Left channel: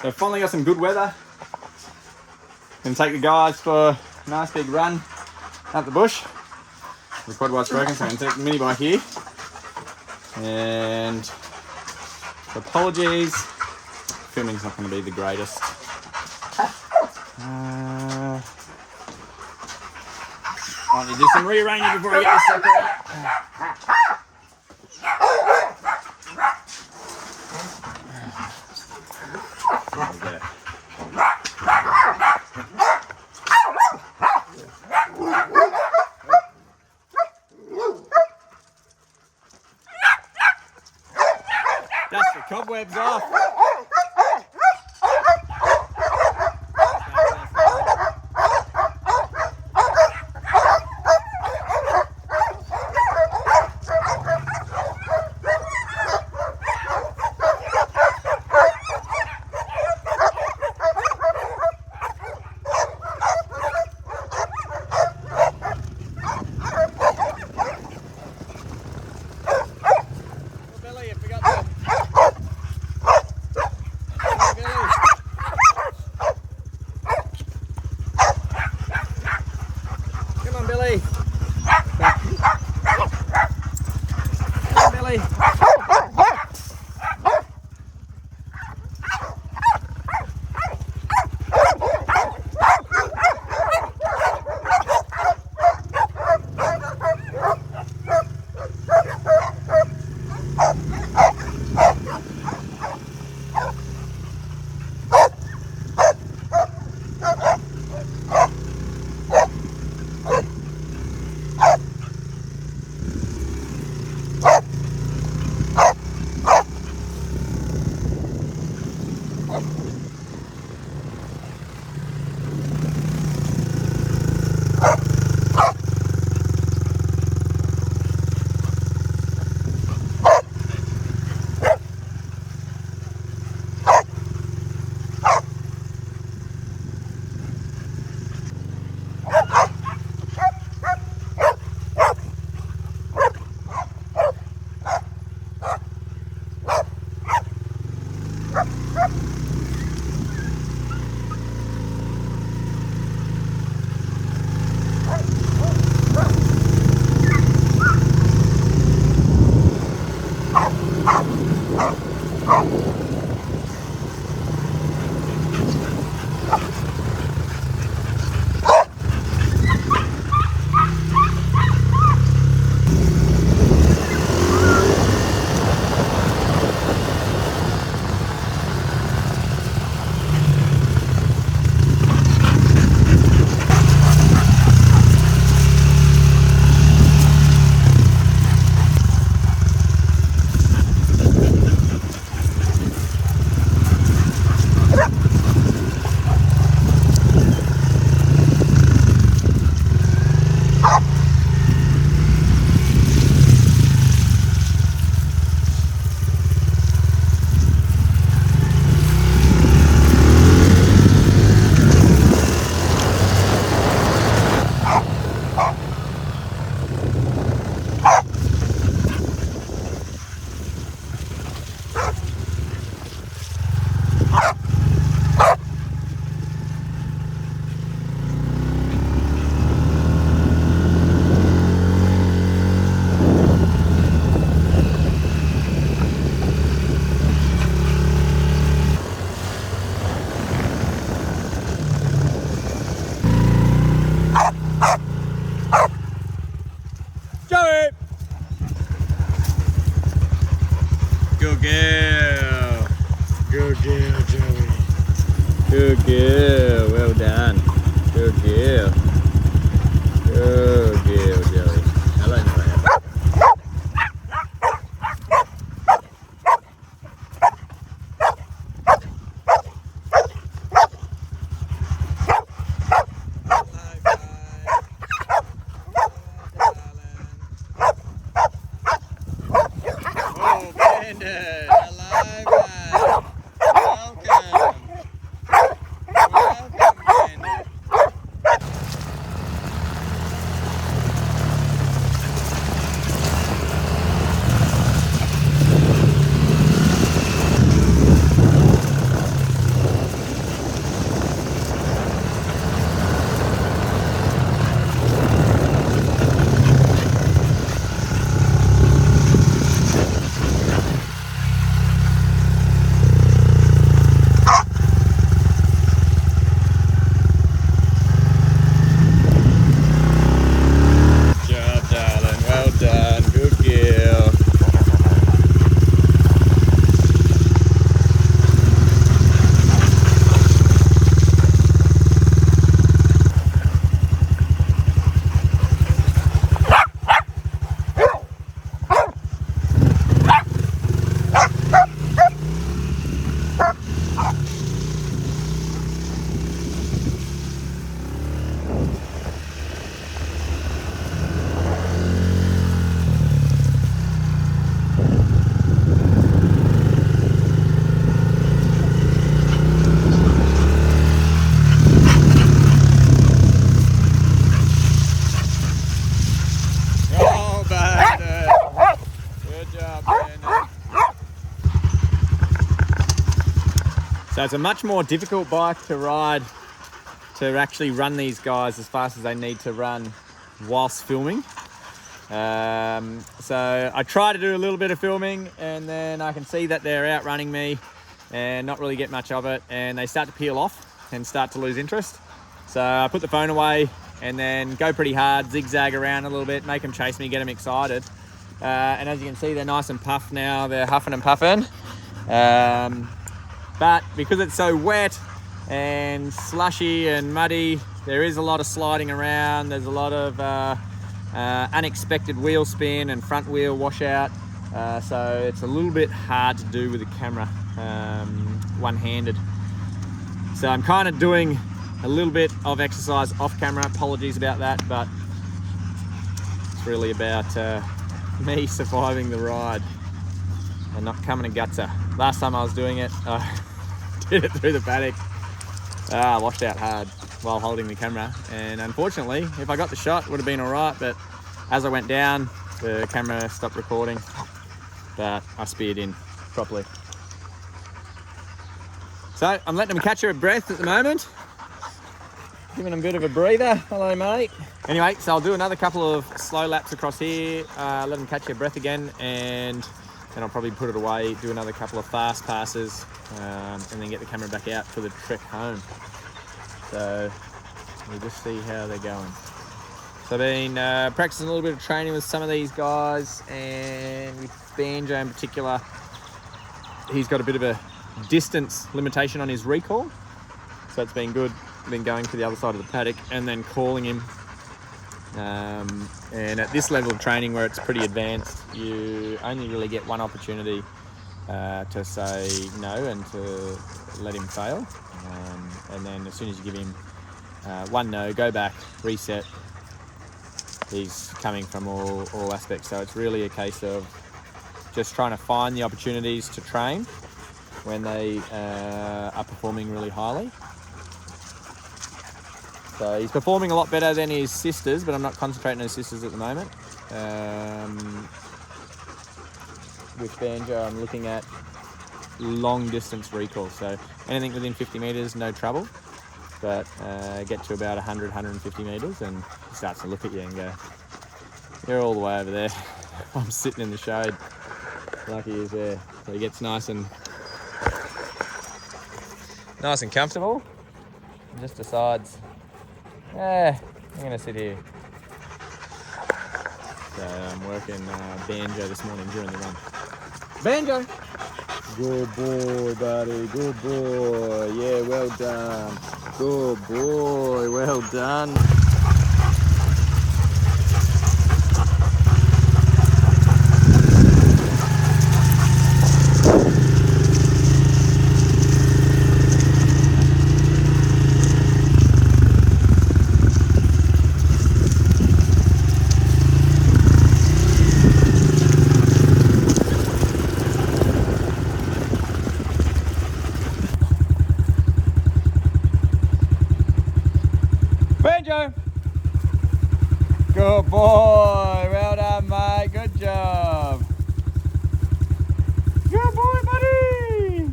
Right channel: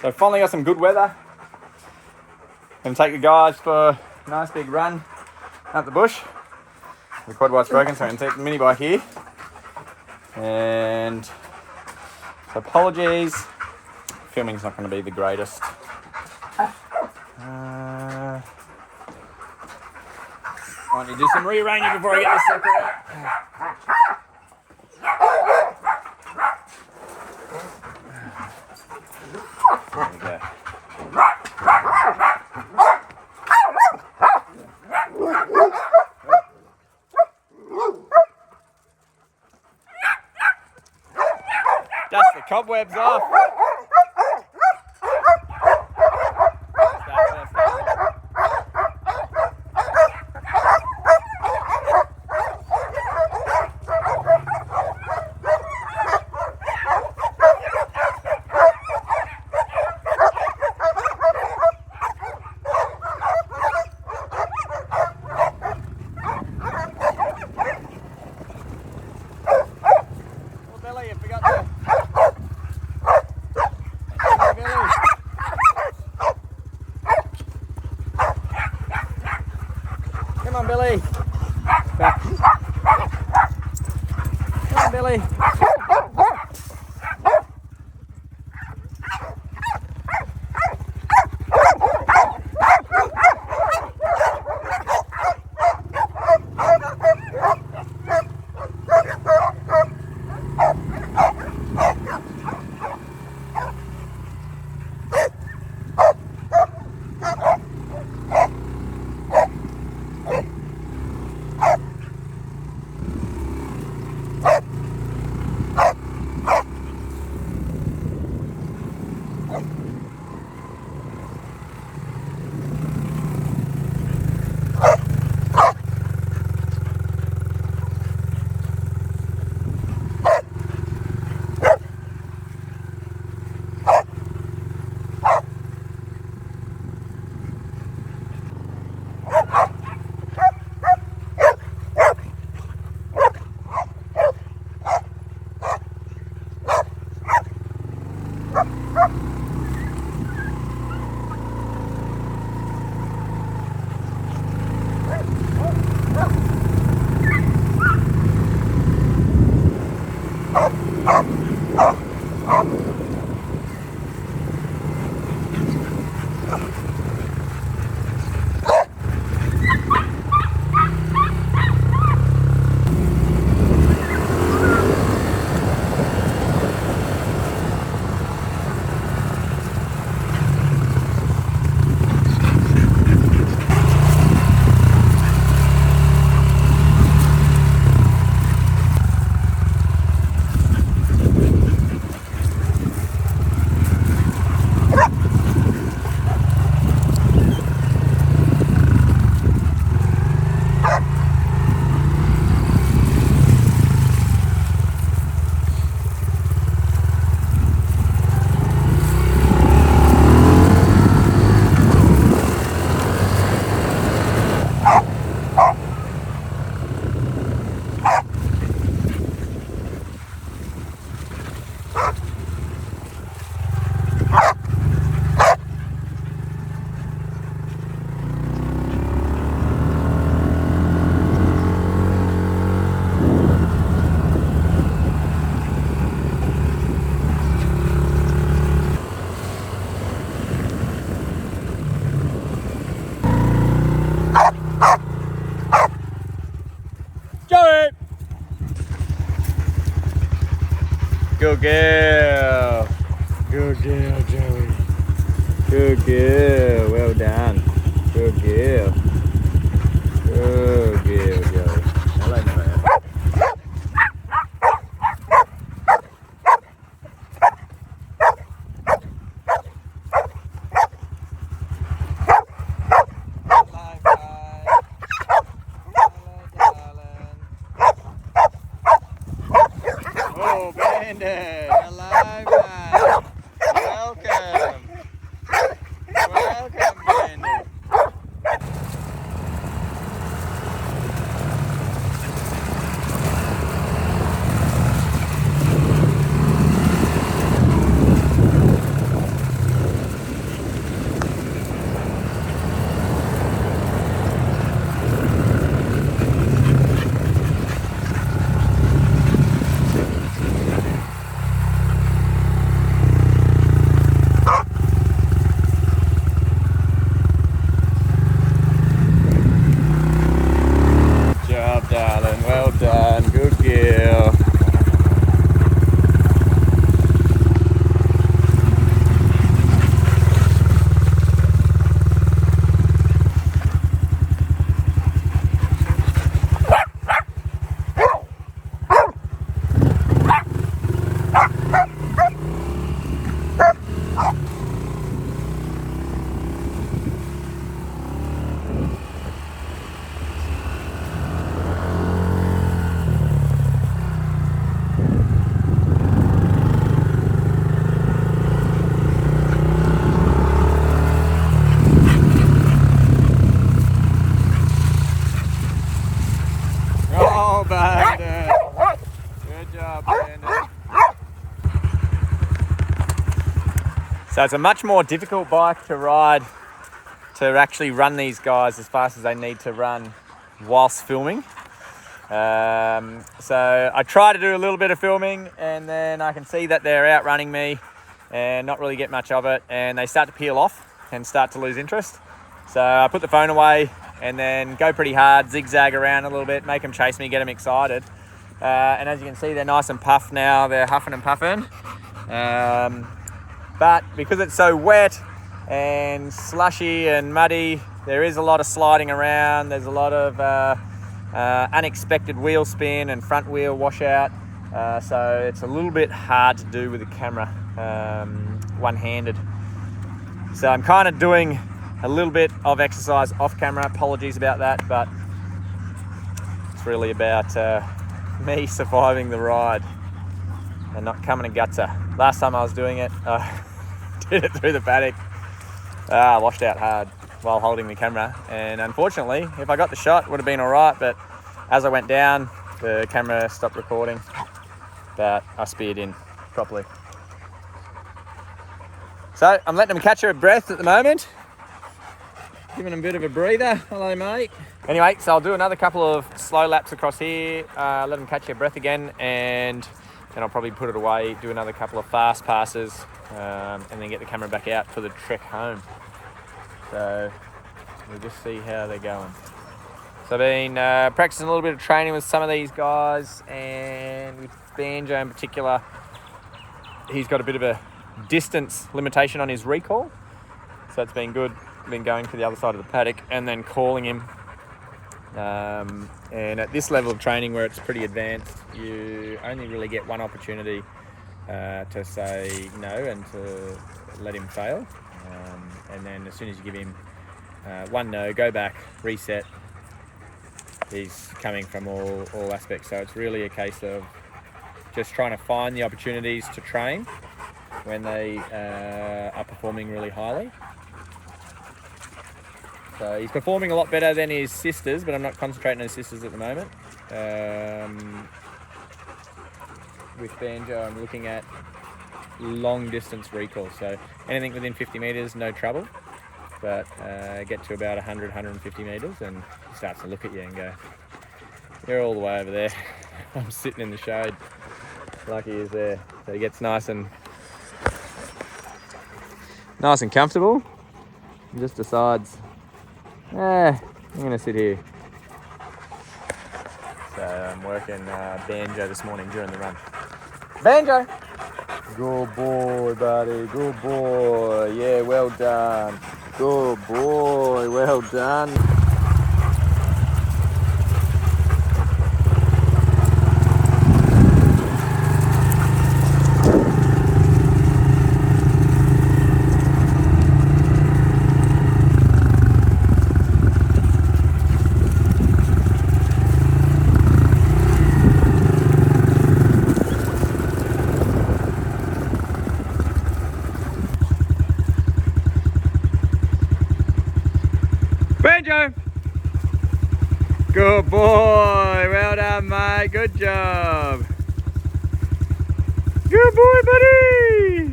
So finally got some good weather. Gonna take the guys for a nice big run out the bush. The quad bike's broken, so I can take the mini bike here. And apologies, filming's not going to be the greatest. Might need to do some rearranging before I get this sucker out. There we go. Dust the cobwebs off. Good girl. Good girl, Joey. Good girl. Well done. Good girl. Good girl, Joey. Hello, Naya. So it's a much more difficult bike to ride, to actually run these guys as fast as they need to run whilst filming. So I try to do a little bit of filming, and then I can see that they're outrunning me and not really get much of it, and they start to peel off and start to lose interest. So I put the phone away and then go pretty hard, zigzag around a little bit, make them chase me, get them excited. And as you can see, they're nice and puffed now. They're huffing and puffing. But because it's so wet and slushy and muddy, there is a lot of sliding around. There's a lot of unexpected wheel spin and front wheel washout. So it's a little bit hard to do with the camera one-handed. So I'm kind of doing a little bit of exercise off camera. Apologies about that, but it's really about me surviving the ride and not coming a gutser. Last time I was doing it, did it through the paddock. I washed out hard while holding the camera, and unfortunately, if I got the shot, it would have been all right, but as I went down, the camera stopped recording, but I speared in properly. So I'm letting them catch their breath at the moment, giving them a bit of a breather. Hello, mate. Anyway, so I'll do another couple of slow laps across here, let them catch their breath again, and then I'll probably put it away, do another couple of fast passes, and then get the camera back out for the trek home. So we'll just see how they're going. So I've been practicing a little bit of training with some of these guys, and with Banjo in particular, he's got a bit of a distance limitation on his recall. So it's been good. Been going to the other side of the paddock and then calling him. And at this level of training where it's pretty advanced, you only really get one opportunity to say no and to let him fail. And then as soon as you give him one no, go back, reset, he's coming from all aspects. So it's really a case of just trying to find the opportunities to train when they are performing really highly. So he's performing a lot better than his sisters, but I'm not concentrating on his sisters at the moment. With Banjo, I'm looking at long distance recall. So anything within 50 meters, no trouble. But get to about 100, 150 meters and he starts to look at you and go, you're all the way over there. I'm sitting in the shade. Lucky he's there. So he gets nice and comfortable and just decides, I'm gonna sit here. So I'm working Banjo this morning during the run. Banjo! Good boy, buddy, good boy. Yeah, well done. Good boy, well done. Banjo! Good boy, well done mate, good job. Good boy buddy!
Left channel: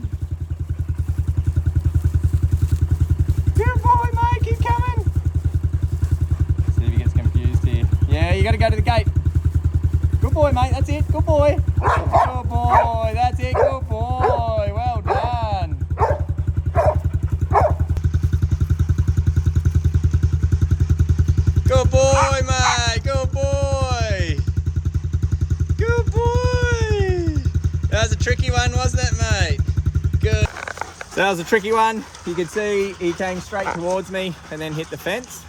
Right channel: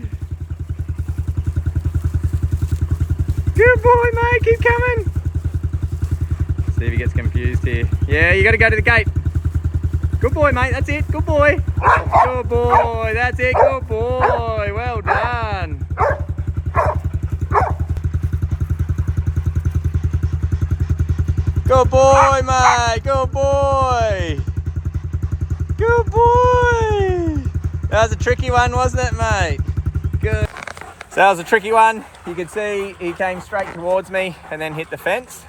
Good boy mate, keep coming. See if he gets confused here. Yeah, you gotta go to the gate. Good boy mate, that's it, good boy. Good boy, that's it, good boy, well done. Good boy, mate. Good boy. Good boy. That was a tricky one, wasn't it, mate? Good. So that was a tricky one. You could see he came straight towards me and then hit the fence.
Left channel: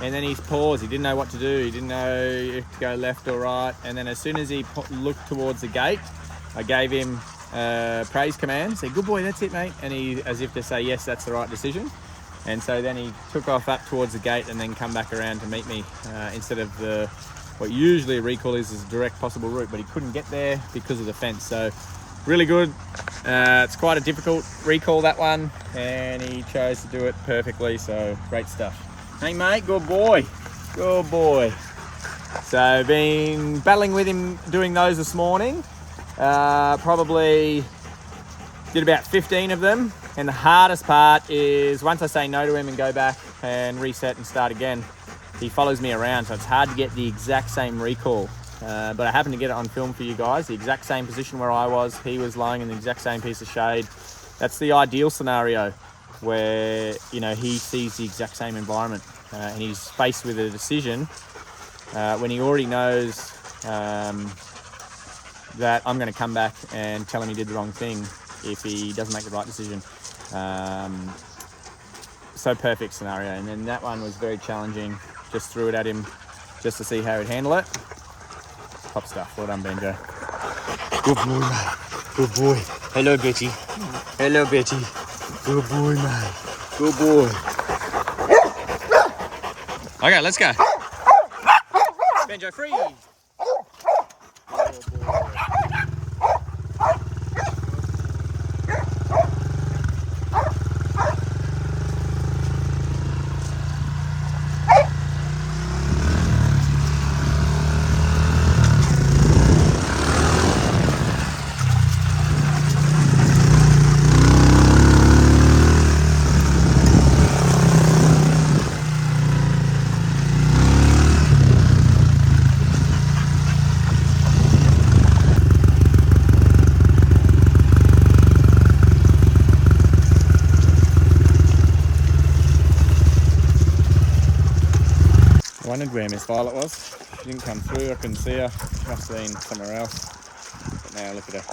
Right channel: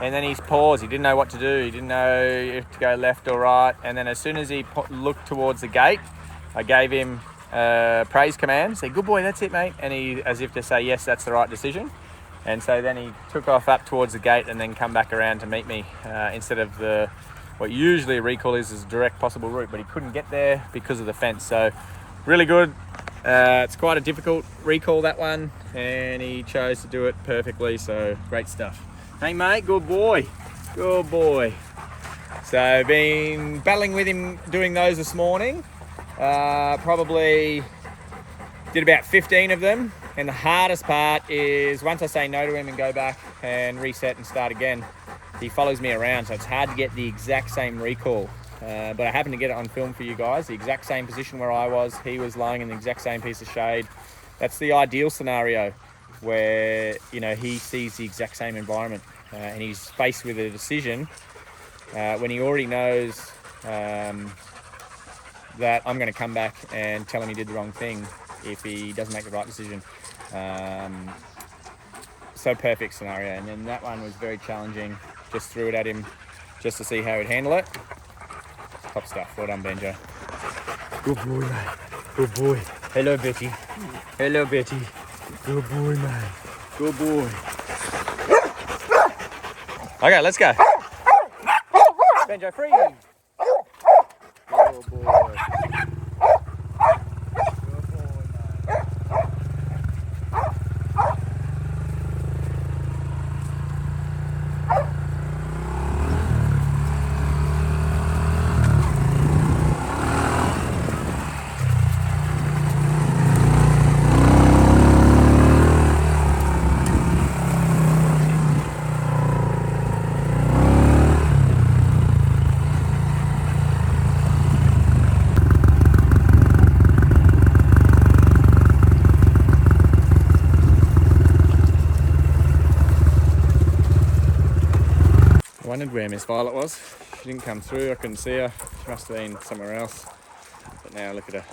And then he's paused. He didn't know what to do. He didn't know if to go left or right. And then as soon as he looked towards the gate, I gave him a praise command. Said, good boy, that's it, mate. And he, as if to say, yes, that's the right decision. And so then he took off up towards the gate and then come back around to meet me instead of what usually a recall is a direct possible route, but he couldn't get there because of the fence. So really good. It's quite a difficult recall, that one, and he chose to do it perfectly. So great stuff. Hey mate, good boy. Good boy. So been battling with him doing those this morning. Probably did about 15 of them. And the hardest part is once I say no to him and go back and reset and start again, he follows me around, so it's hard to get the exact same recall. But I happened to get it on film for you guys, the exact same position where I was. He was lying in the exact same piece of shade. That's the ideal scenario where, you know, he sees the exact same environment and he's faced with a decision when he already knows that I'm going to come back and tell him he did the wrong thing if he doesn't make the right decision. So perfect scenario. And then that one was very challenging. Just threw it at him just to see how he'd handle it. Top stuff. Well done, Benjo. Good boy, mate. Good boy. Hello, Betty. Hello, Betty. Good boy, mate. Good boy. Okay, let's go. Benjo, free. Good boy. I wondered where Miss Violet was. She didn't come through. I couldn't see her. Must have been somewhere else. But now look at her.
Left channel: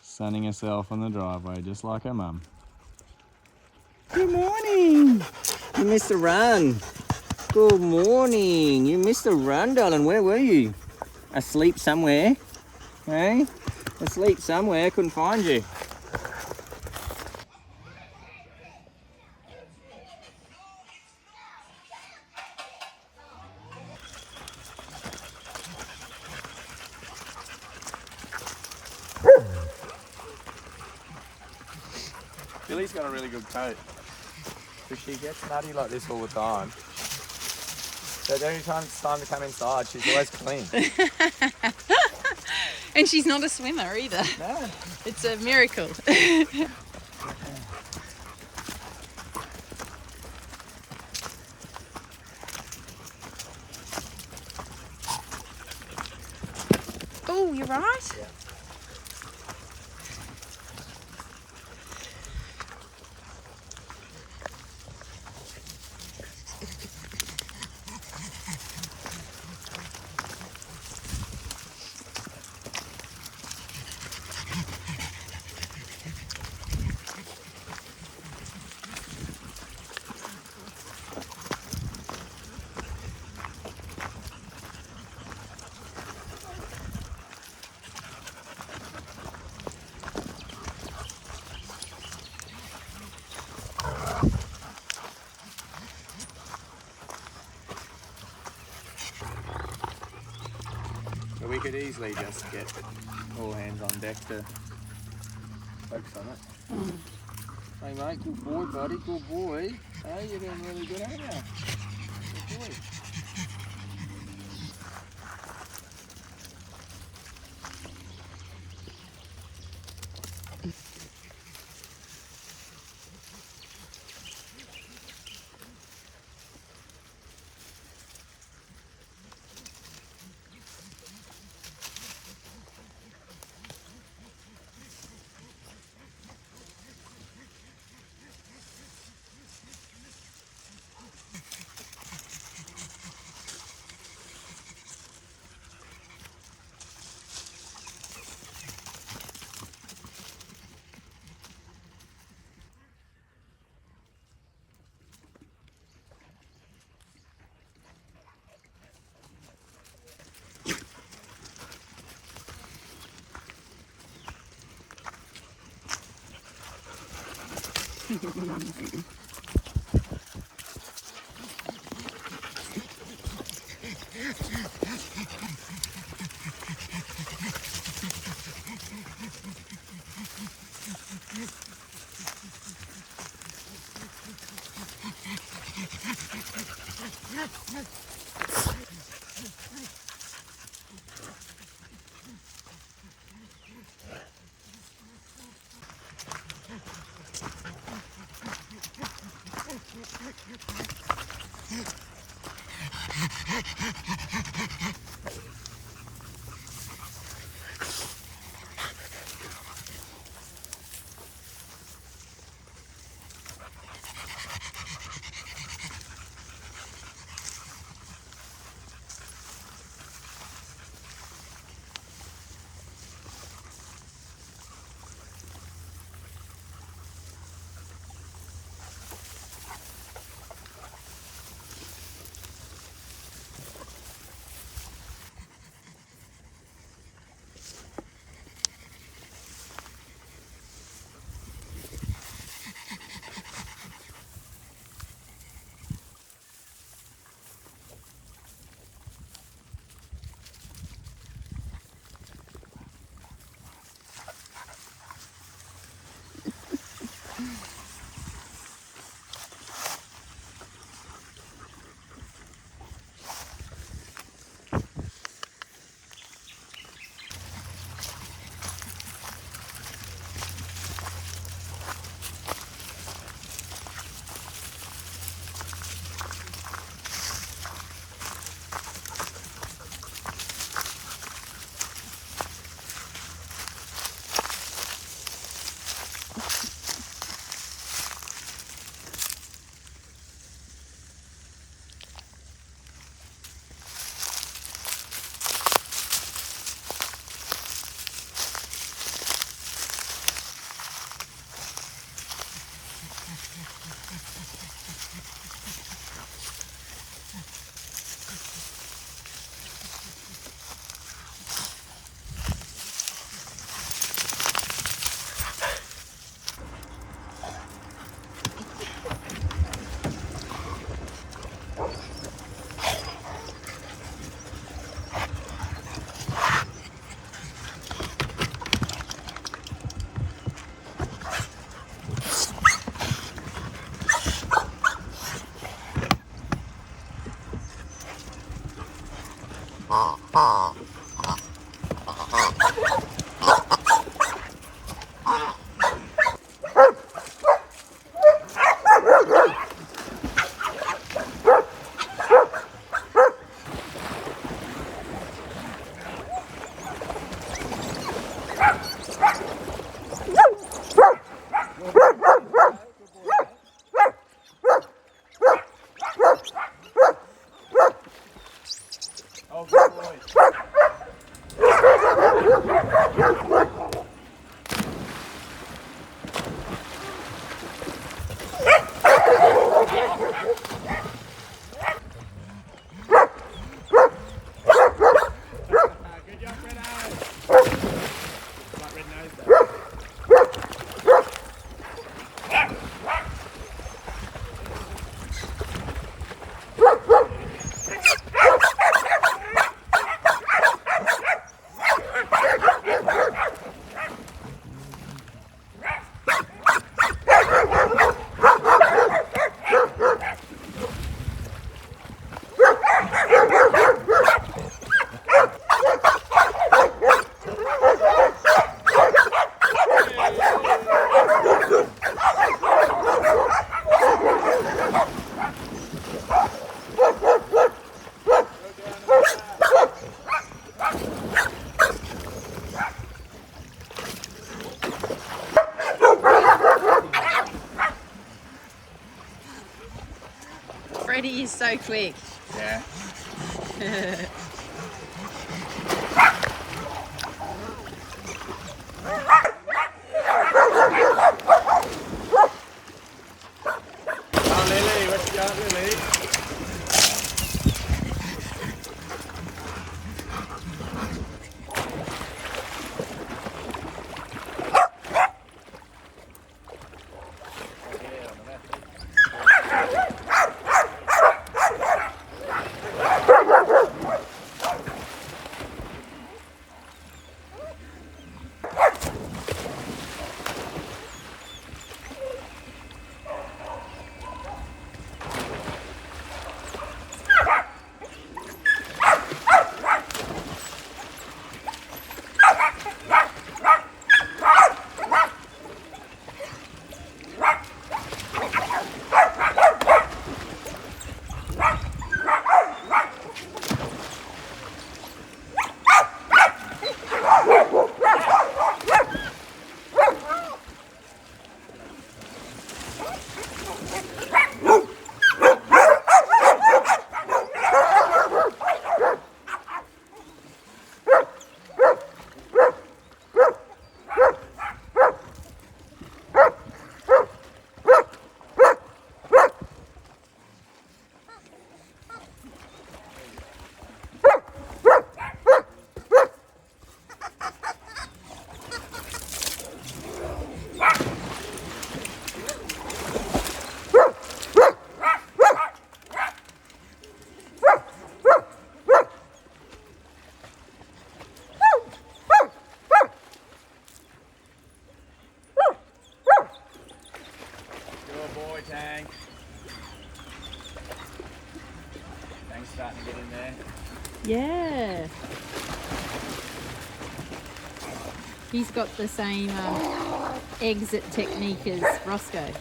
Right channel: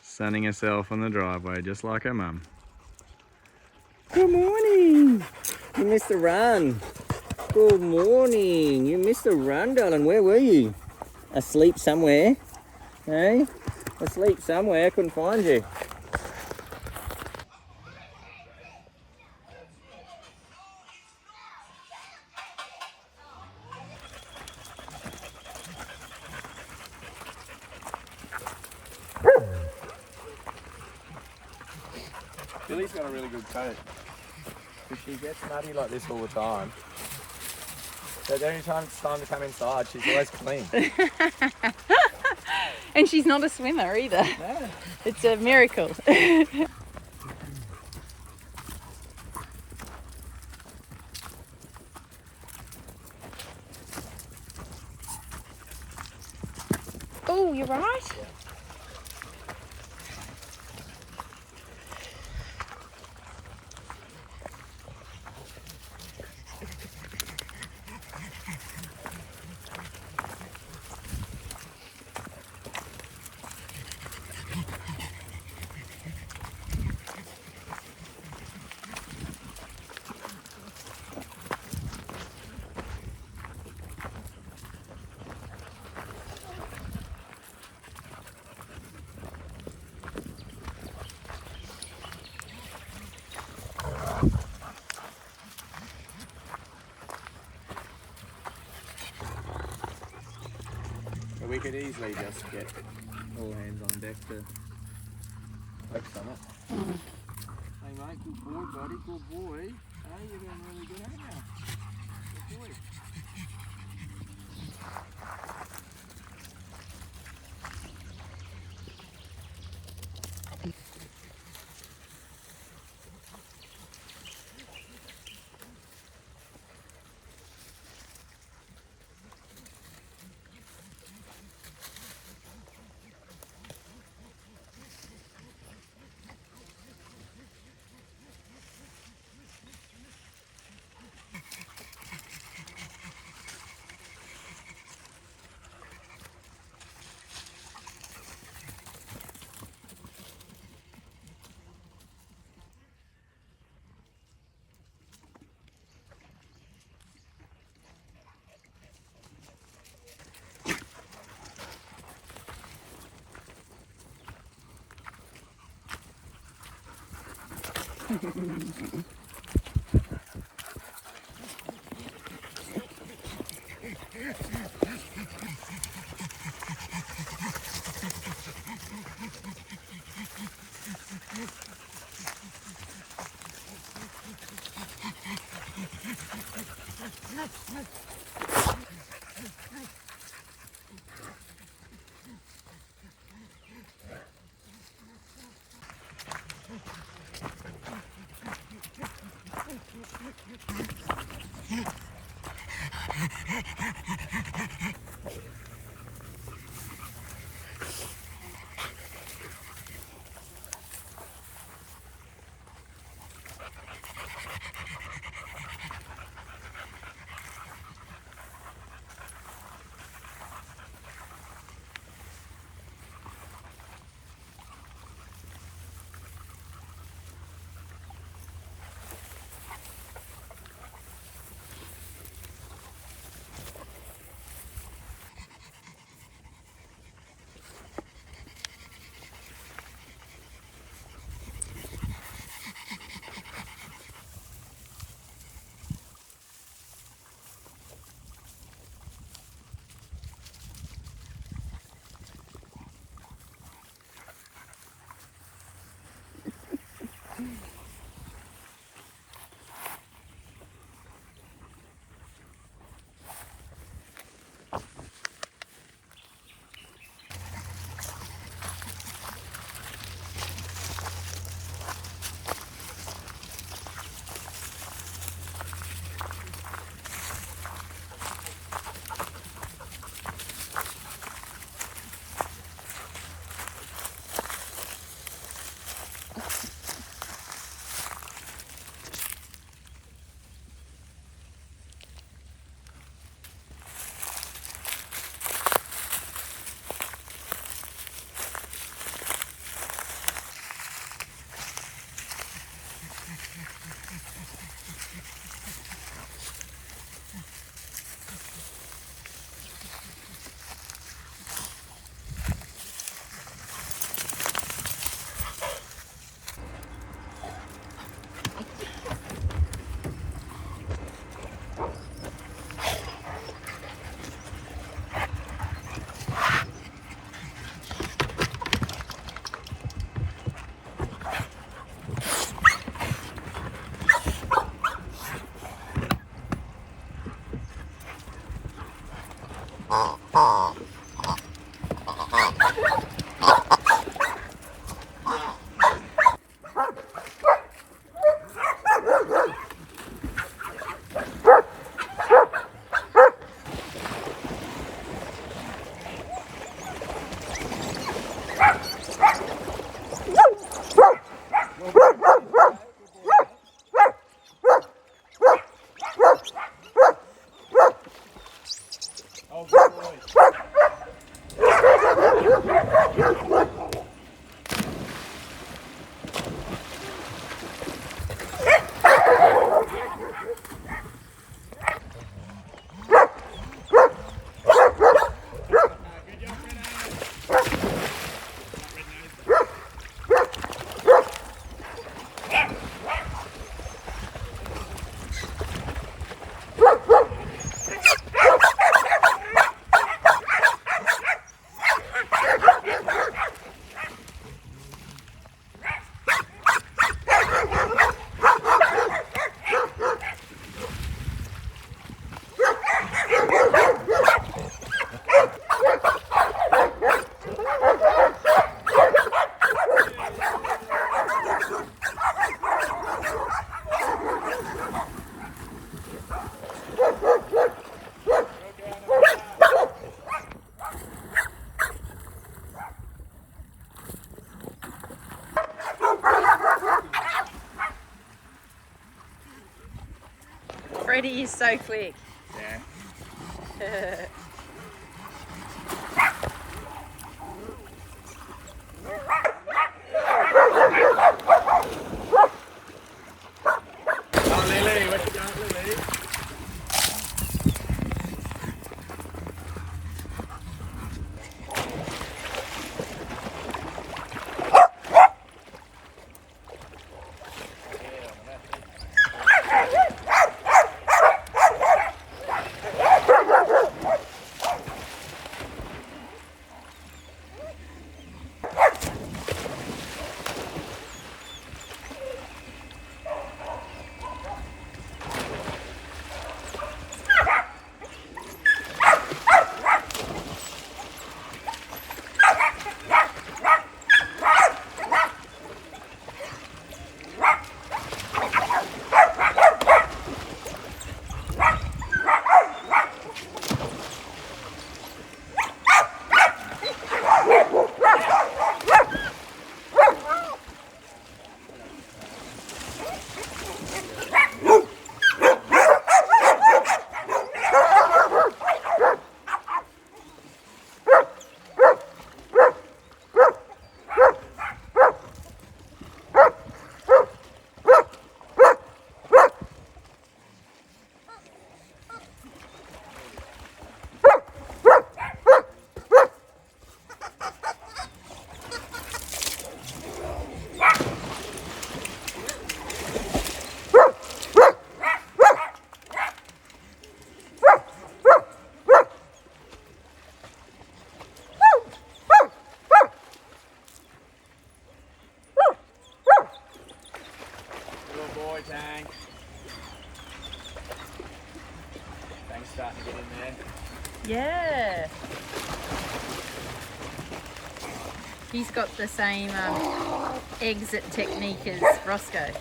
Sunning herself on the driveway just like her mum. Good morning. You missed a run. Good morning. You missed a run, darling. Where were you? Asleep somewhere. Hey? Asleep somewhere. Couldn't find you. Billy's got a really good coat. Because she gets nutty like this all the time. So every time it's time to come inside, she's always clean. And she's not a swimmer either. No. It's a miracle. Oh, you're right. Yeah. But we could easily just get all hands on deck to focus on it. Hey mate, good boy buddy, good boy. Hey, you're doing really good, aren't you? Good boy. Brody is so quick. Yeah. Lily, what you got, Lily? Tang. Tang's starting to get in there. Yeah. He's got the same exit technique as Roscoe.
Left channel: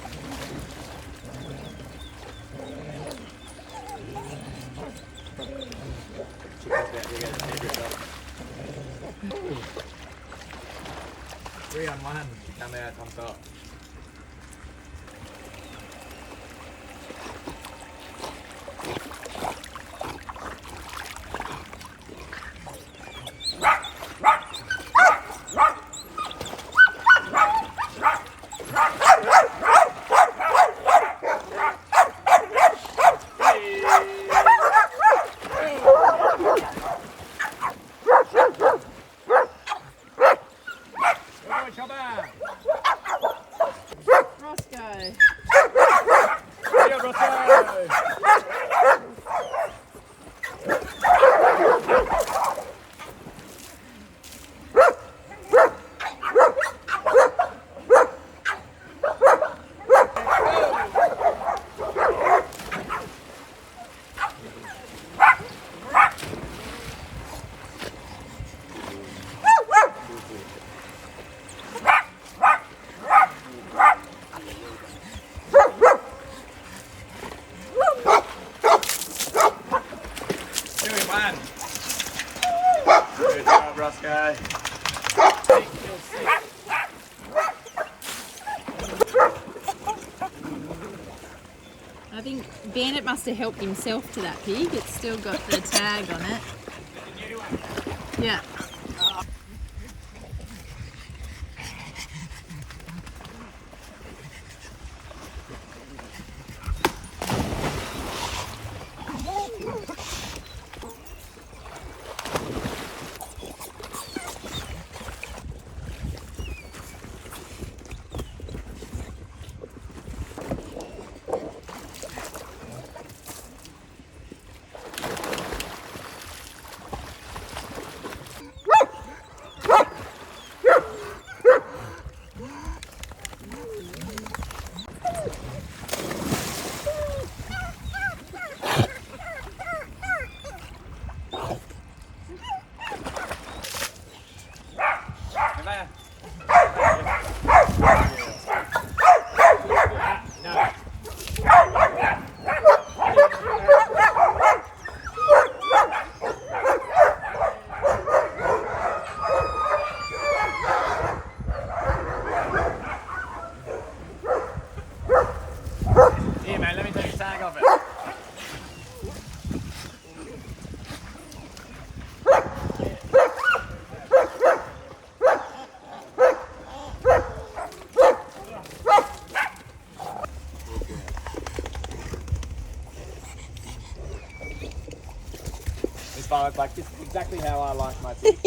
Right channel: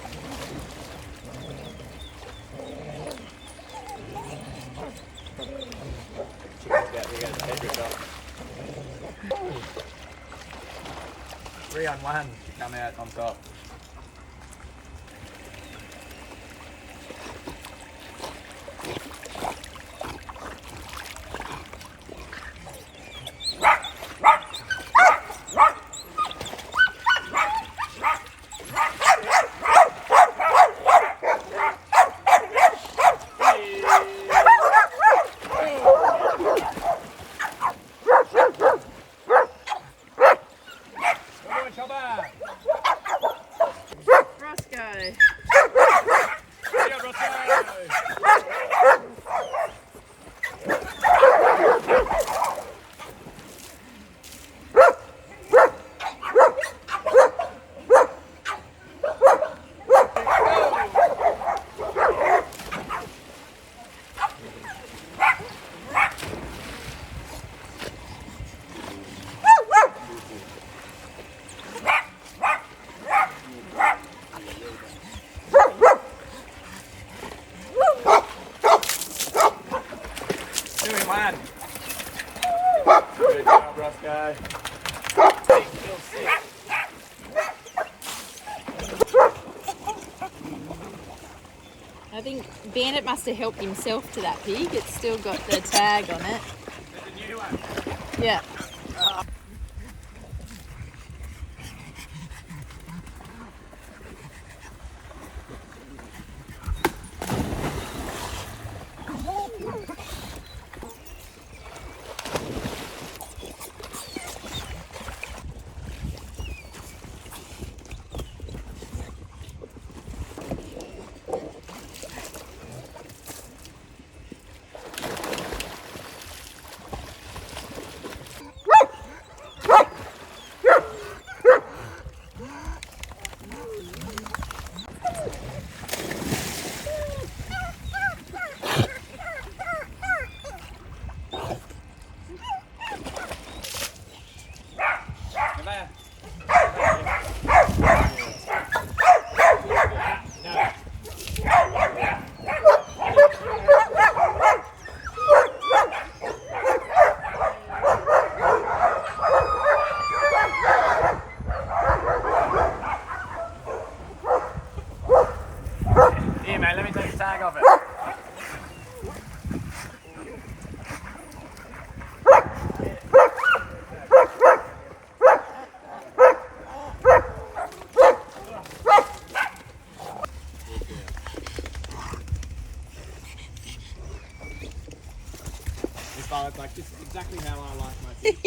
Three on one to come out on top. Roscoe. Good job, Roscoe. I think Bandit must have helped himself to that pig. It's still got the tag on it. Yeah. Here, mate, let me take a tag of it. fun. It's like, this is exactly how I like my fish.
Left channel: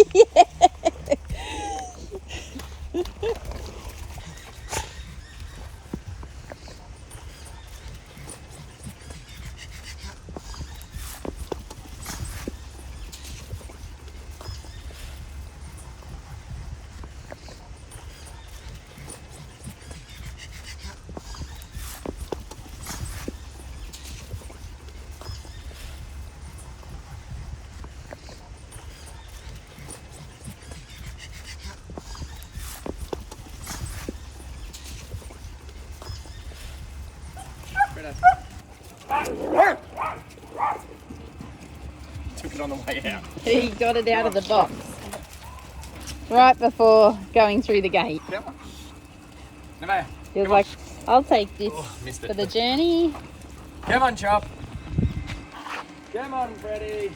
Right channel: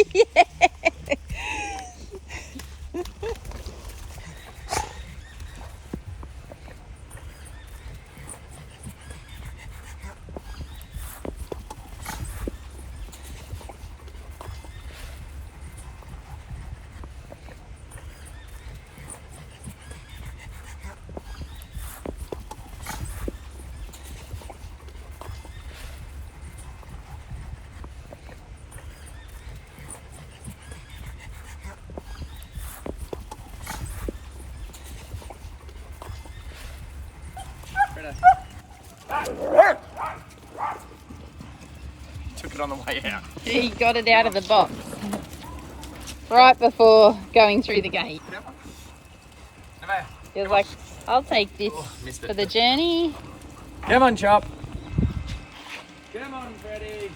Took it on the way out. He got it out of the box right before going through the gate. He was like, I'll take this for the journey. Come on, Chop. Come on, Freddie.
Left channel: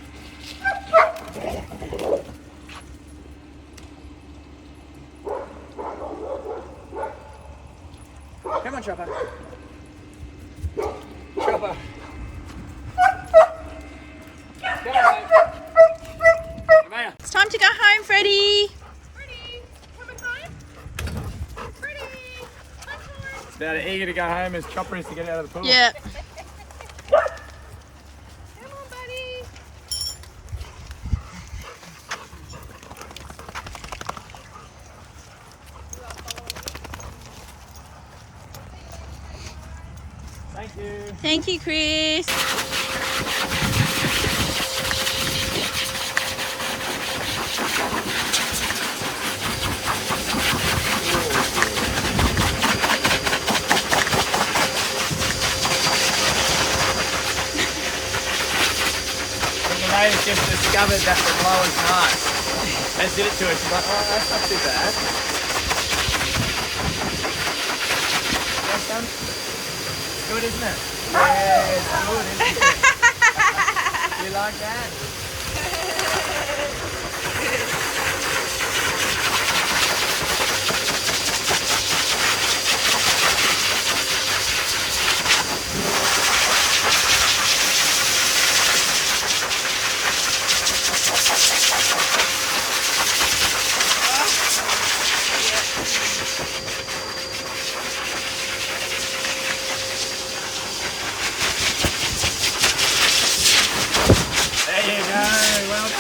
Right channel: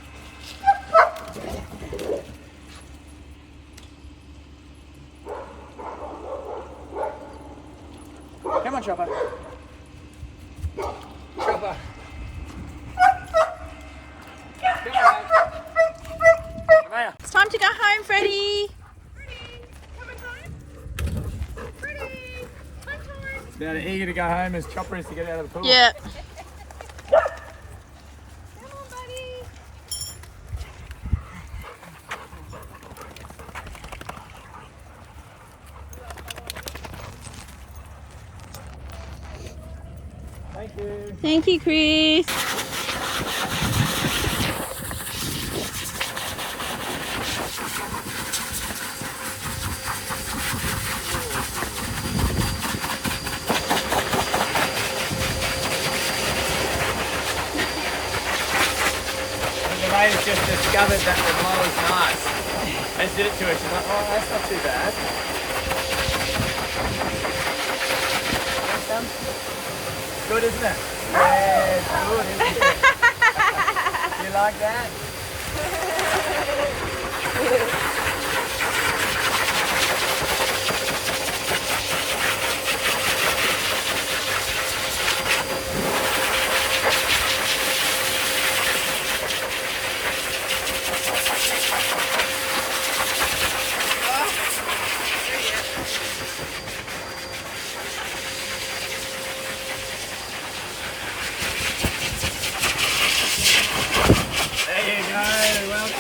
Come on, Chopper. Chopper. It's time to go home, Freddie. Now they're eager to go home as Chopper is to get out of the pool. Yeah. Come on, buddy. Thank you. Thank you, Chris. Elena's just discovered that the blower's nice. And did it to her. She's like, oh, that's not too bad. Yes, son? Good, isn't it? Yeah, it's good, isn't it? You like that? There you go, welcome.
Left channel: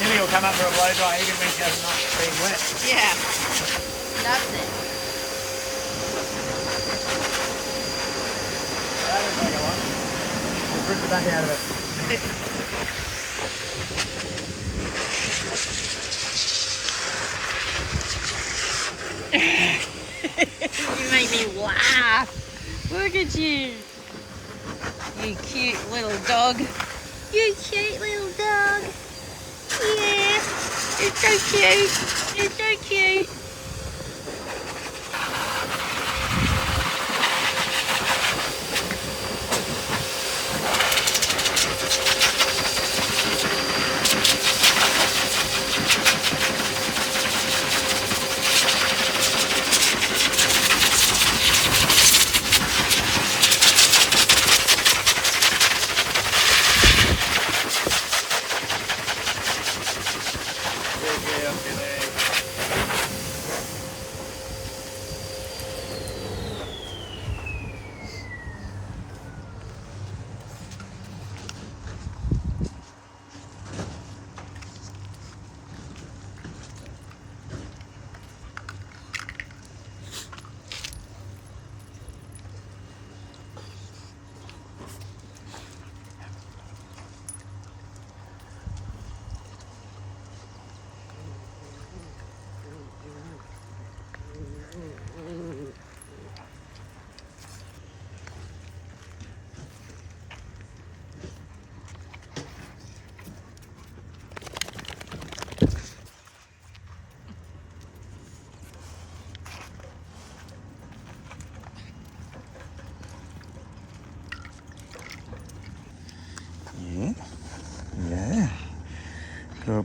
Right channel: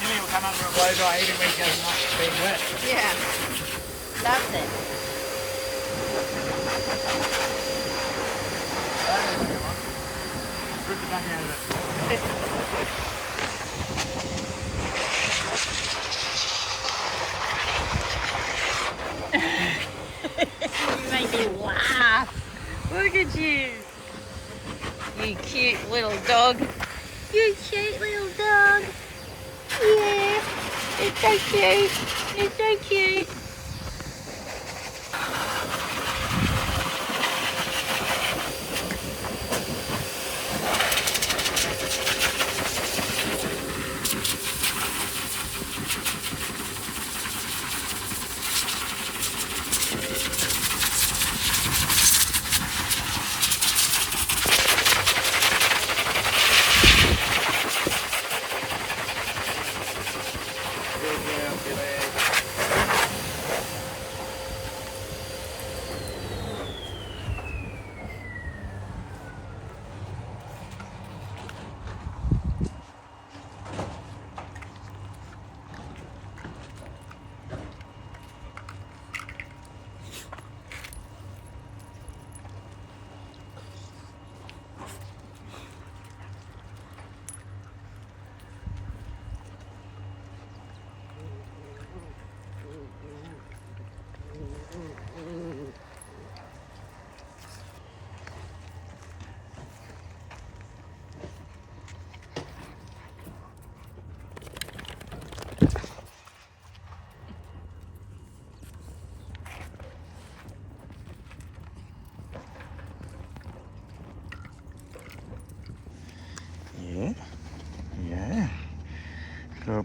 Tilly will come up for a blow dry even when she hasn't been wet. Yeah. Loves it. Just rip the back out of it. You make me laugh. Look at you. You cute little dog. You cute little dog. Yeah. It's so cute. It's so cute. Good girl, Tilly.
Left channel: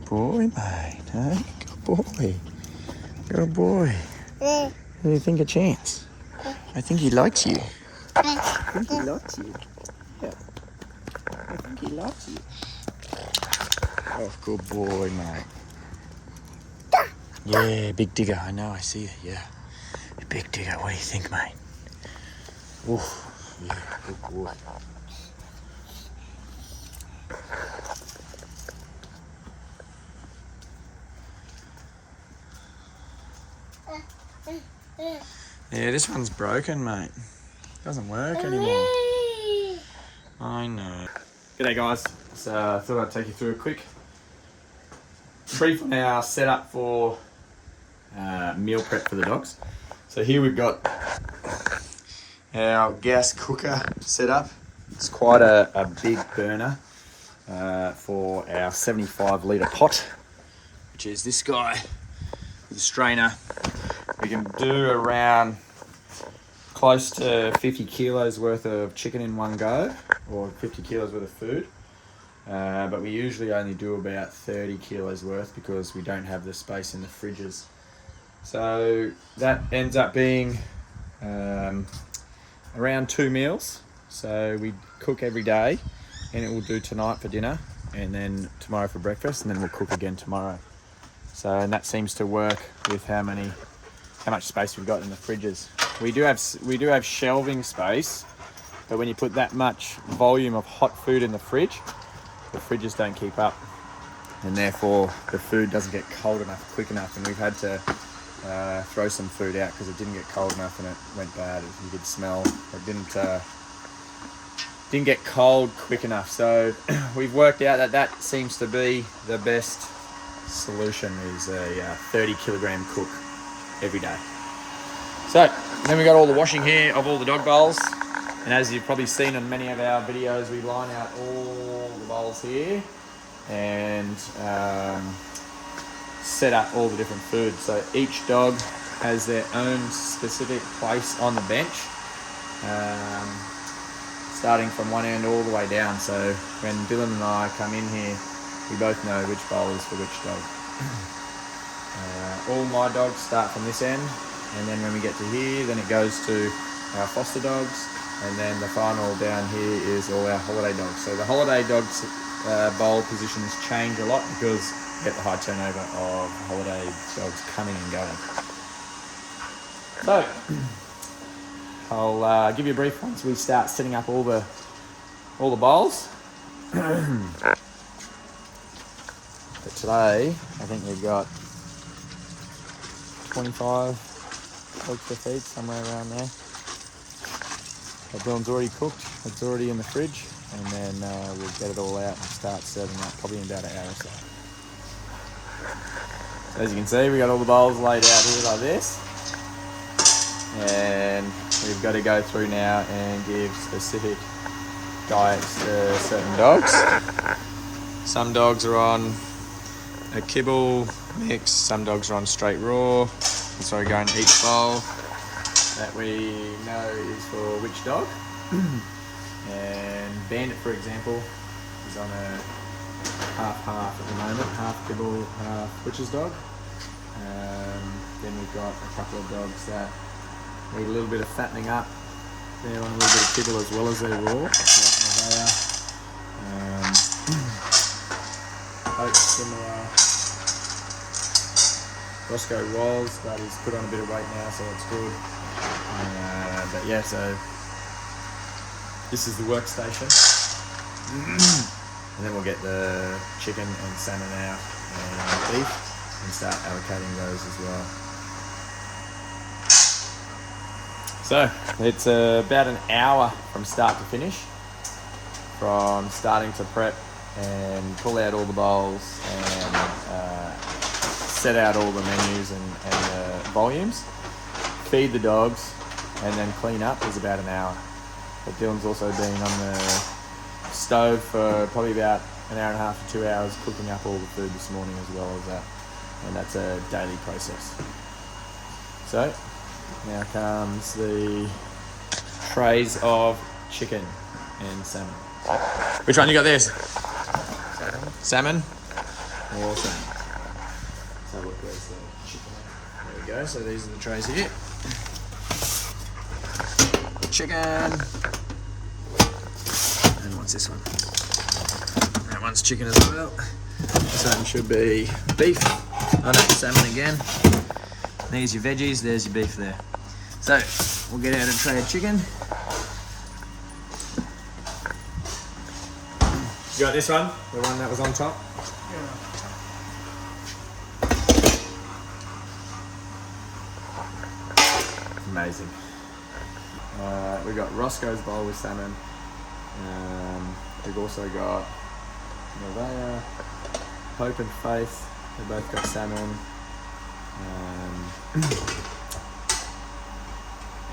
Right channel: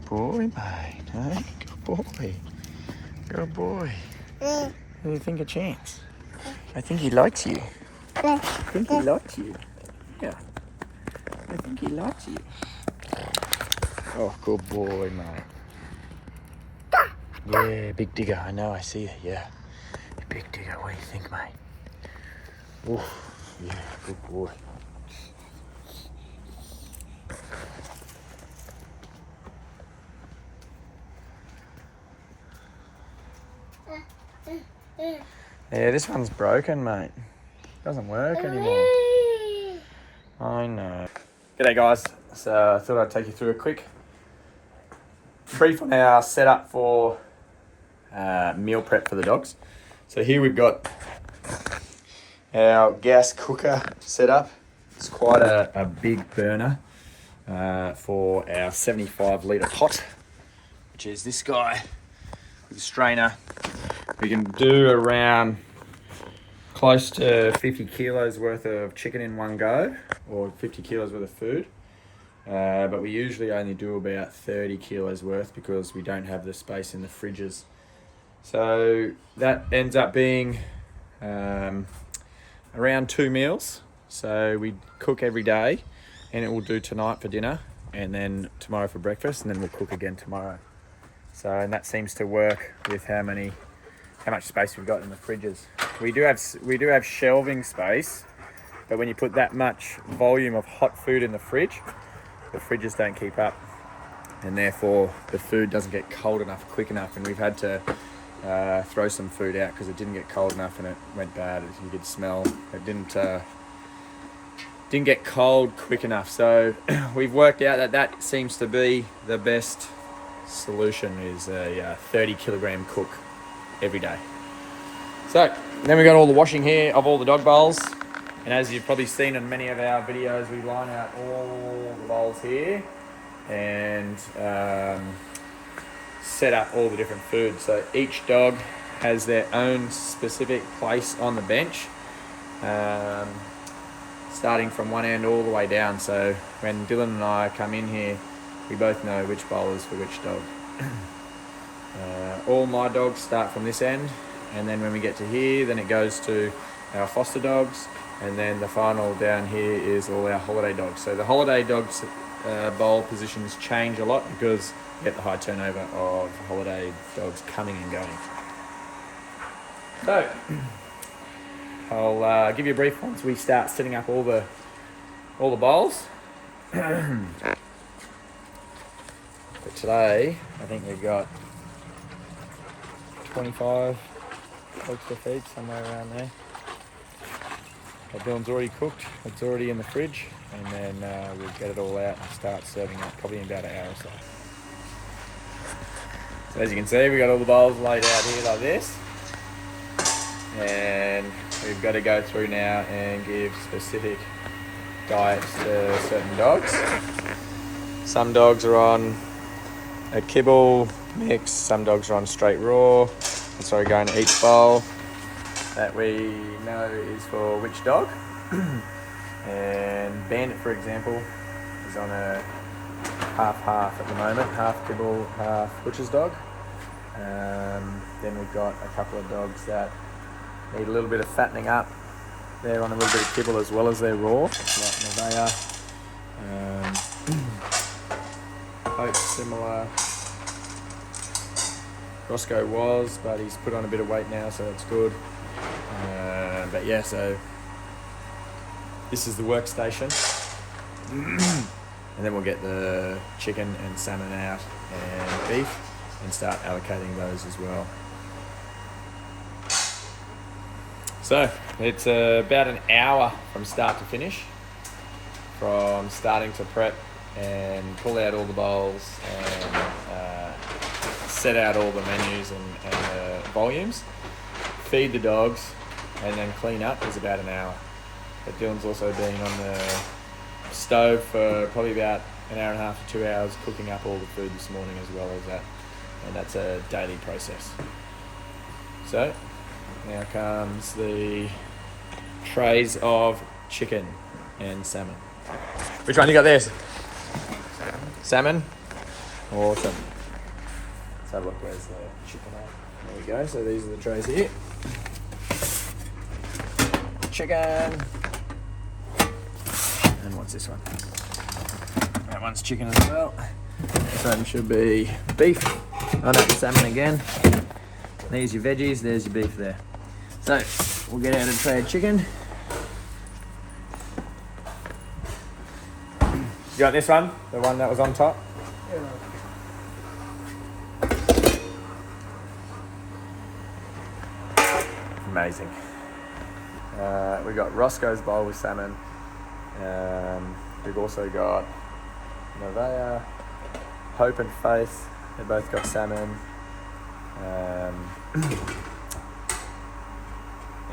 boy, mate. Hey, good boy. Good boy. Do you think a chance? I think he likes you. I think he likes you. Yeah. I think he likes you. Oh, good boy, mate. Yeah, big digger. I know, I see you. Yeah. Big digger. What do you think, mate? Oh, yeah, good boy. Yeah, this one's broken, mate. Doesn't work anymore. I know. G'day, guys. So I thought I'd take you through a quick brief on our setup for meal prep for the dogs. So here we've got our gas cooker set up. It's quite a big burner for our 75 litre pot, which is this guy with a strainer. We can do around close to 50 kilos worth of chicken in one go, or 50 kilos worth of food. But we usually only do about 30 kilos worth because we don't have the space in the fridges. So that ends up being around 2 meals. So we cook every day, and it will do tonight for dinner, and then tomorrow for breakfast, and then we'll cook again tomorrow. So, and that seems to work with how much space we've got in the fridges. We do have shelving space, but when you put that much volume of hot food in the fridge, the fridges don't keep up, and therefore the food doesn't get cold enough quick enough, and we've had to throw some food out because it didn't get cold enough and it went bad. You could smell it didn't get cold quick enough. So we've worked out that seems to be the best solution, is a 30 kilogram cook every day. So then we got all the washing here of all the dog bowls, and as you've probably seen in many of our videos, we line out all the bowls here and set up all the different foods. So each dog has their own specific place on the bench, starting from one end all the way down. So when Dylan and I come in here, we both know which bowl is for which dog. All my dogs start from this end, and then when we get to here, then it goes to our foster dogs, and then the final down here is all our holiday dogs. So the holiday dogs bowl positions change a lot because we get the high turnover of holiday dogs coming and going. So I'll give you a brief once we start setting up all the bowls. But today, I think we've got 25 dogs to feed, somewhere around there. But Dylan's already cooked, it's already in the fridge, and then we'll get it all out and start serving up probably in about an hour or so. So as you can see, we've got all the bowls laid out here like this, and we've got to go through now and give specific diets to certain dogs. Some dogs are on a kibble mix, some dogs are on straight raw, so we go into each bowl that we know is for which dog. And Bandit, for example, is on a half-half at the moment, half kibble, half butcher's dog. Then we've got a couple of dogs that need a little bit of fattening up. They're on a little bit of kibble as well as their raw, like Nevaeh. Hope similar. Roscoe was, but he's put on a bit of weight now, so it's good. But yeah, so this is the workstation. And then we'll get the chicken and salmon out and beef and start allocating those as well. So it's about an hour from start to finish, from starting to prep and pull out all the bowls and set out all the menus and the volumes, feed the dogs, and then clean up is about an hour. But Dylan's also been on the stove for probably about an hour and a half to 2 hours cooking up all the food this morning as well as that, and that's a daily process. So now comes the trays of chicken and salmon. Which one you got there? Salmon? Awesome. Let's have a look. Where's the chicken at? There we go. So these are the trays here. Chicken. And what's this one? That one's chicken as well. This one should be beef. Oh no, salmon again. There's your veggies, there's your beef there. So, we'll get out a tray of chicken. You got this one? The one that was on top? Yeah. Amazing. We got Roscoe's bowl with salmon. We've also got Nevaeh, Hope and Faith. They both got salmon.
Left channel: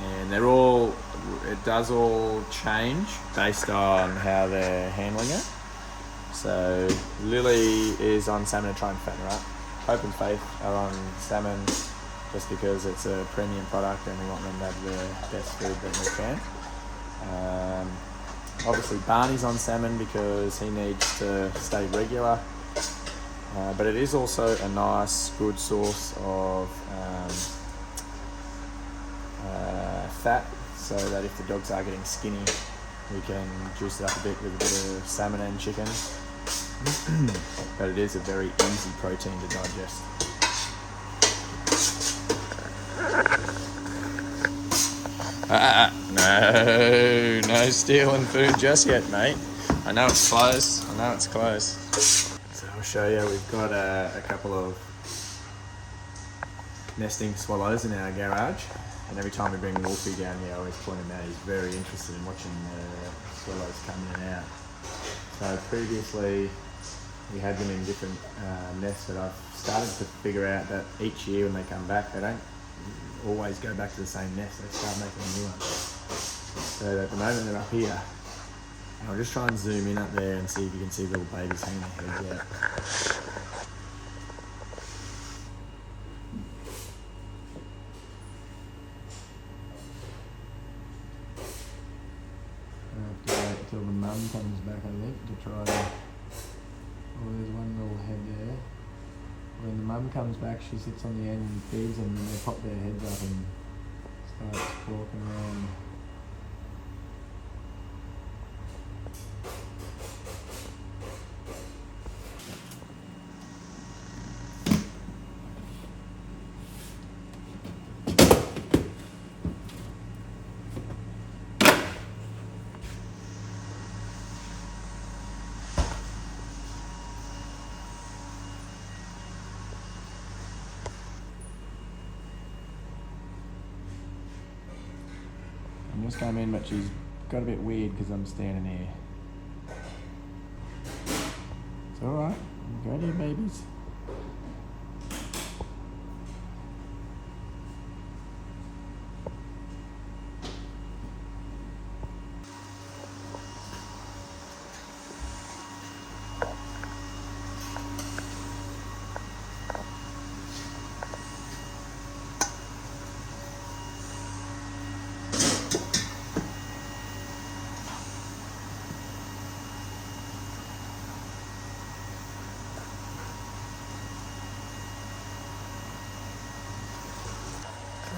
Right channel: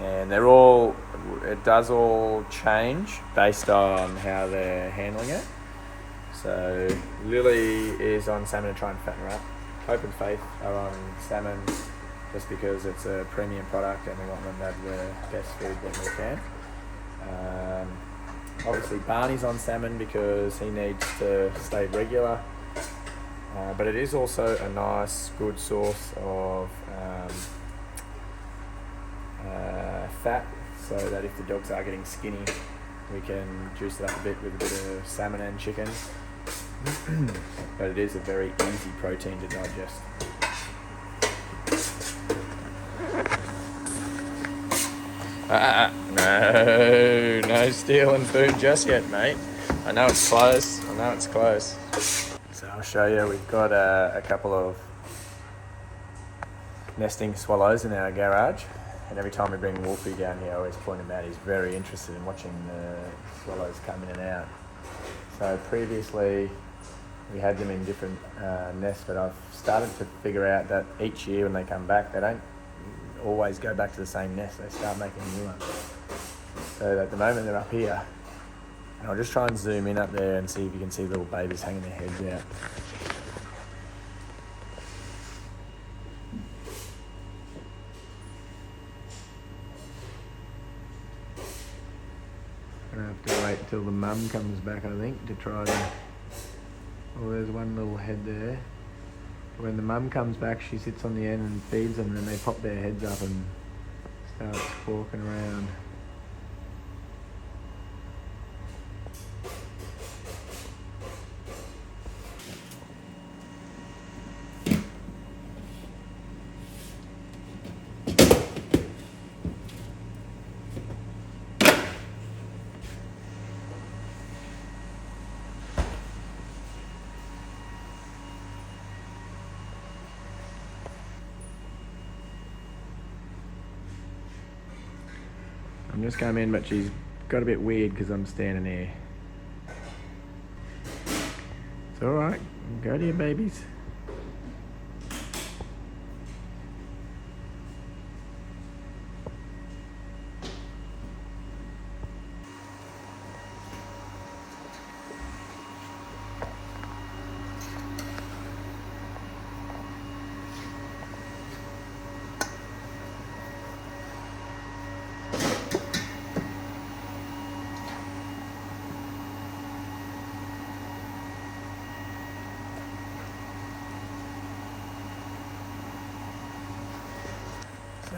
And they're all, it does all change based on how they're handling it. So Lily is on salmon to try and fatten her up. Hope and Faith are on salmon just because it's a premium product and we want them to have the best food that they can. Obviously Barney's on salmon because he needs to stay regular. But it is also a nice, good source of fat, so that if the dogs are getting skinny, we can juice it up a bit with a bit of salmon and chicken. But it is a very easy protein to digest. No stealing food just yet, mate. I know it's close. So I'll show you, we've got a couple of nesting swallows in our garage, and every time we bring Wolfie down here I always point him out. He's very interested in watching the swallows come in and out. So previously we had them in different nests, but I've started to figure out that each year when they come back they don't always go back to the same nest, they start making a new one. So at the moment they're up here. And I'll just try and zoom in up there and see if you can see little babies hanging their heads out. Gonna have to wait until the mum comes back, I think, to try to... Oh, there's one little head there. When the mum comes back, she sits on the end and feeds them, and then they pop their heads up and start walking around. I'm just coming in, but she's got a bit weird because I'm standing here. It's alright, go to your babies.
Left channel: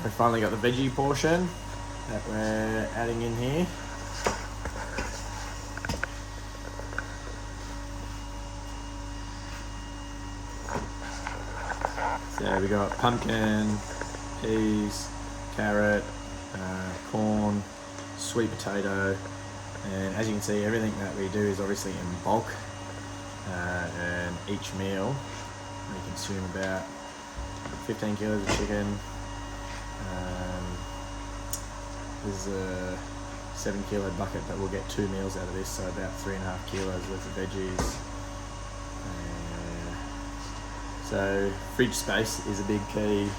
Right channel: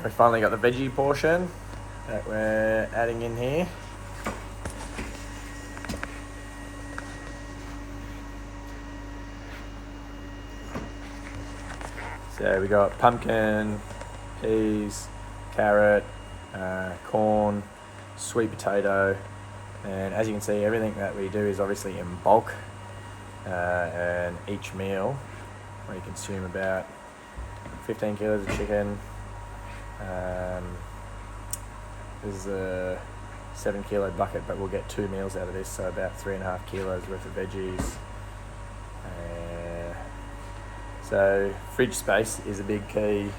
We finally got the veggie portion that we're adding in here. So we got pumpkin, peas, carrot, corn, sweet potato, and as you can see, everything that we do is obviously in bulk, and each meal we consume about 15 kilos of chicken. This is a 7 kilo bucket, but we'll get 2 meals out of this, so about 3.5 kilos worth of veggies. So fridge space is a big key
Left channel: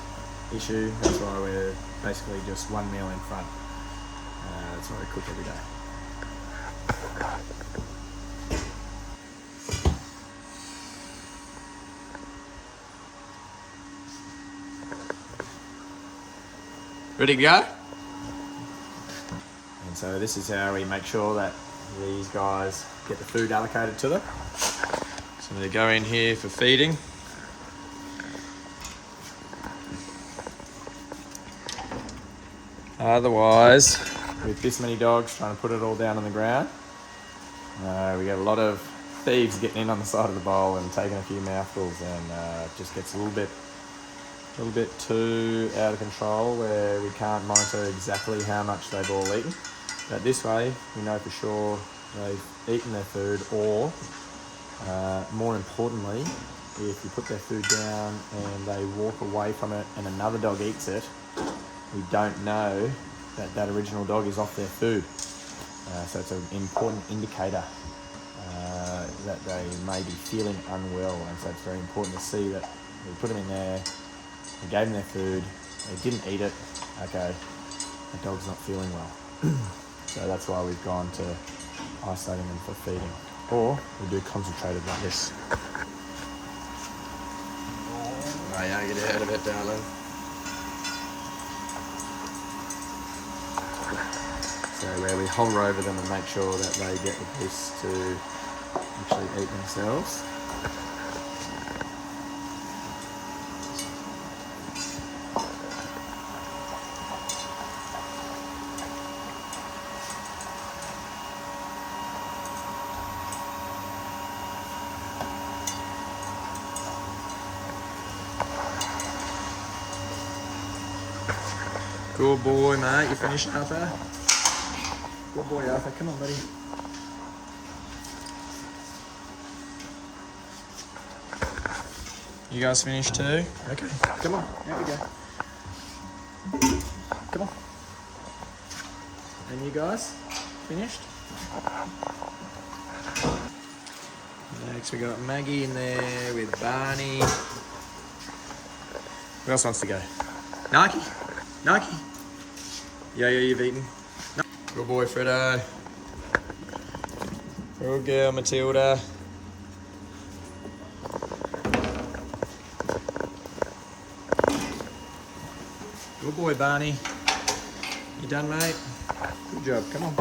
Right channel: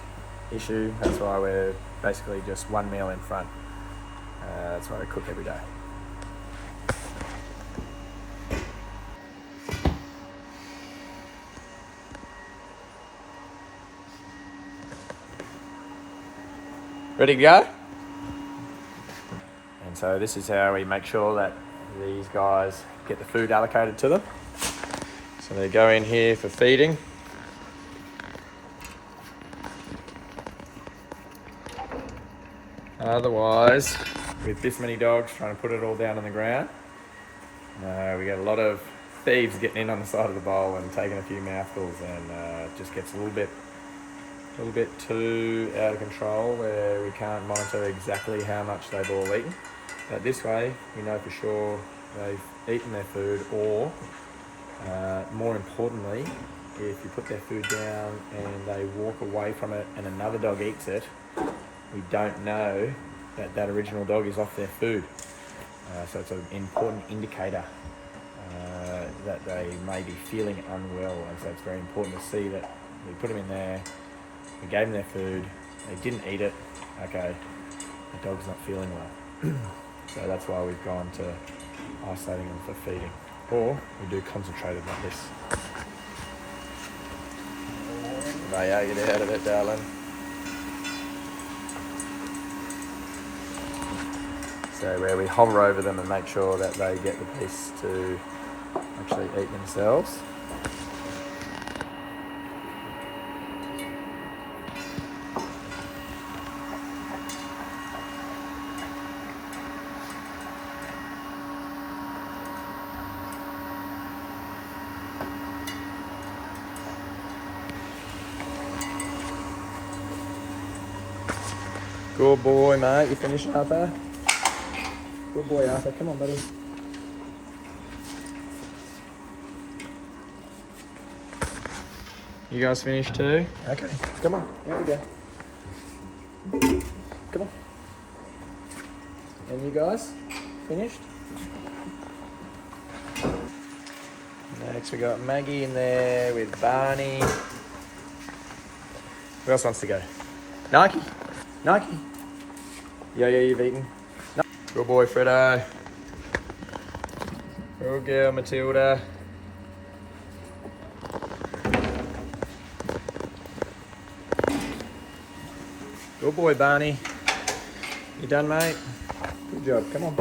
issue. That's why we're basically just 1 meal in front. That's why we cook every day. Ready to go? And so this is how we make sure that these guys get the food allocated to them. So they go in here for feeding. Otherwise, with this many dogs trying to put it all down on the ground, we get a lot of thieves getting in on the side of the bowl and taking a few mouthfuls, and it just gets a little bit too out of control where we can't monitor exactly how much they've all eaten. But this way, we know for sure they've eaten their food, or more importantly, if you put their food down and they walk away from it and another dog eats it, we don't know that that original dog is off their food. So it's an important indicator that they may be feeling unwell, and so it's very important to see that we put them in there, we gave them their food, they didn't eat it, okay, the dog's not feeling well. So that's why we've gone to isolating them for feeding. Or we do concentrated like this. Right, yeah, get out of it, darling. So where we hover over them and make sure that they get the piece to actually eat themselves. Good boy, mate. You finished, Arthur? Good boy, Arthur. Come on, buddy. You guys finished too? Okay. Come on. There we go. Come on. And you guys finished? Next we got Maggie in there with Barney. Who else wants to go? Nike? Nike? Yeah, you've eaten. No. Good boy, Fredo. Good girl, Matilda. Good boy, Barney. You done, mate? Good job. Come on.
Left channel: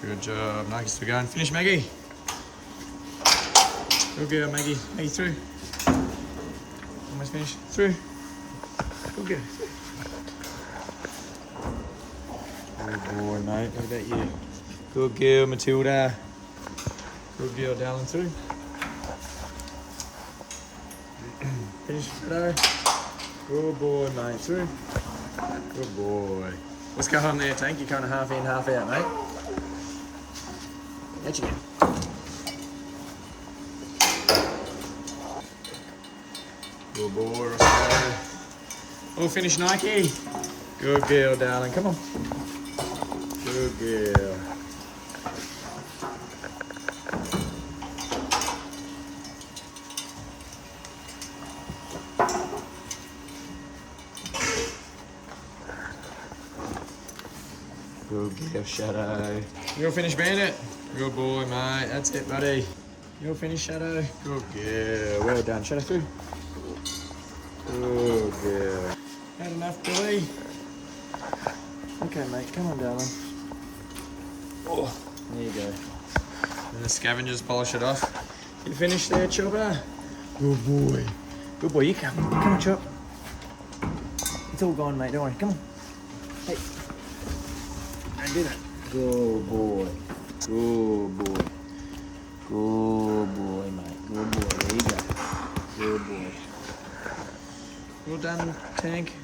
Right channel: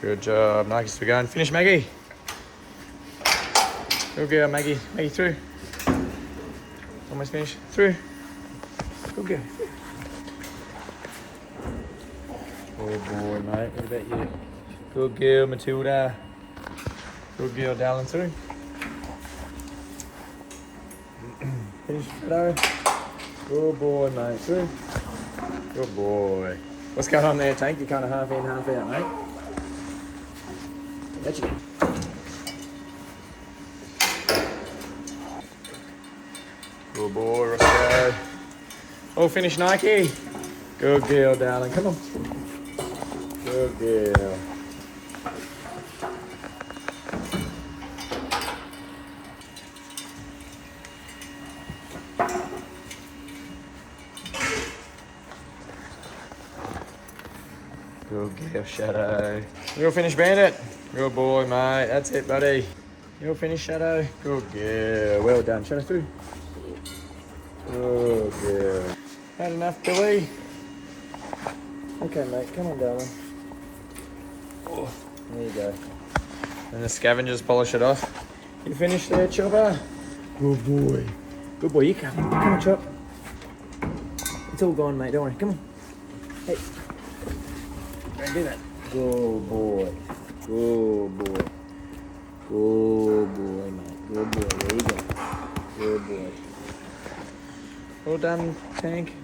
Good job. Nike's still going. Finish, Maggie. Good girl, Maggie. Maggie, through. Almost finished. Through. Good girl. Good boy, mate. What about you? Good girl, Matilda. Good girl, darling. Through. Finish, Fredo. Good boy, mate. Through. Good boy. What's going on there, Tank? You're kind of half in, half out, mate. Catch again. Good boy, Roscoe. All finished, Nike. Good girl, darling. Come on. Good girl. Good girl, Shadow. You all finished, Bandit? Good boy, mate. That's it, buddy. You all finished, Shadow? Good girl. Well done. Shadow through. Good girl. Had enough, Billy? Okay, mate. Come on, darling. Oh, there you go. And the scavengers polish it off. You finished there, Chopper? Good boy. Good boy. You come. Come on, Chop. It's all gone, mate. Don't worry. Come on. Hey. Don't do that. Good boy. Good boy. Good boy, mate. Good boy. There you go. Good boy. Well done, Tank.